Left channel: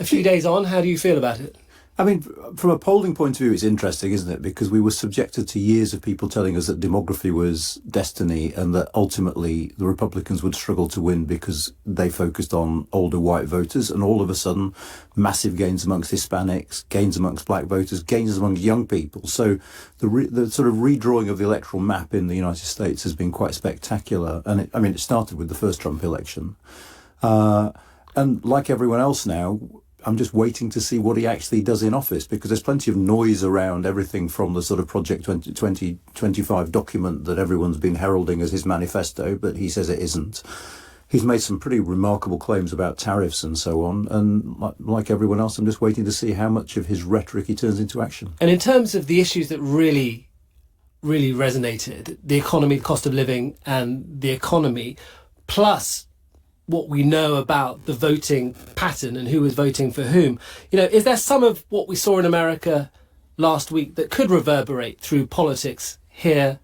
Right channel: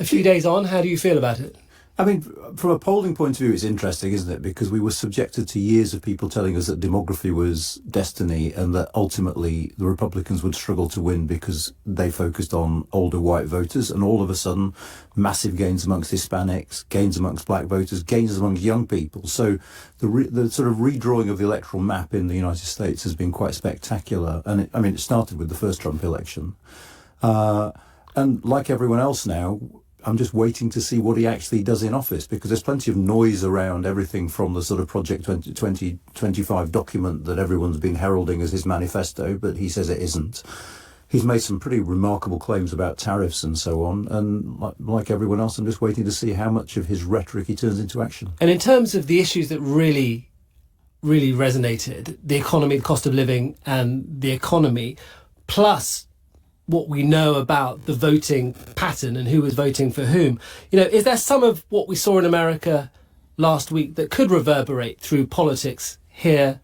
A few days on, how do you feel about it? I mean, from a polling point of view, it's interesting, isn't it? Because we were subjected to years of people telling us that demography was destiny and that ultimately the Republicans would struggle to win because they focused on older white voters. And all of a sudden, massive gains amongst Hispanics, gains amongst black voters, gains amongst young people. So the sort of redrawing of the electoral map in the United States has been quite spectacular. And it started with the first Trump election. And like everyone else now, I'm just waiting to see what he actually does in office, because there's plenty of noise around everything from the sort of Project 2025 document that everyone's been heralding as his manifesto, but he says it isn't. He's made some pretty remarkable claims about tariffs and so on. And like everyone else, I'm just waiting to see how much of his rhetoric he turns into action. And in terms of the issues that really resonated, the economy, the cost of living and the economy, plus what we know about the voting pattern and who was voting for whom. Is there some of what we saw in America last week that could reverberate through politics here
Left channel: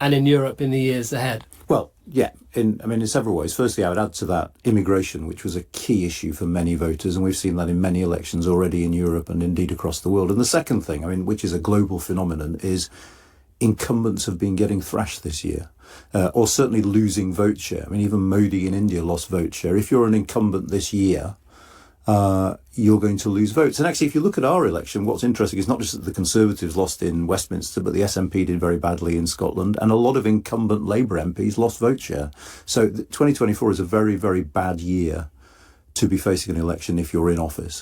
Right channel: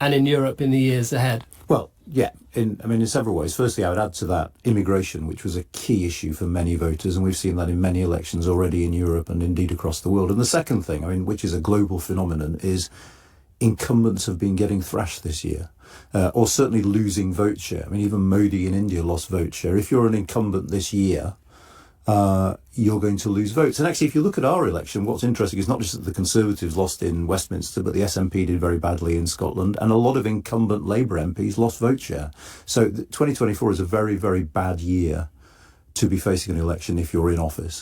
and in Europe in the years ahead? Well, yeah, in several ways. Firstly, I would add to that immigration, which was a key issue for many voters, and we've seen that in many elections already in Europe and indeed across the world. And the second thing, which is a global phenomenon, is incumbents have been getting thrashed this year. Or certainly losing vote share. Even Modi in India lost vote share. If you're an incumbent this year, you're going to lose votes. And actually, if you look at our election, what's interesting is not just that the Conservatives lost in Westminster, but the SNP did very badly in Scotland, and a lot of incumbent Labour MPs lost vote share. So 2024 is a very, very bad year to be facing an election if you're in office.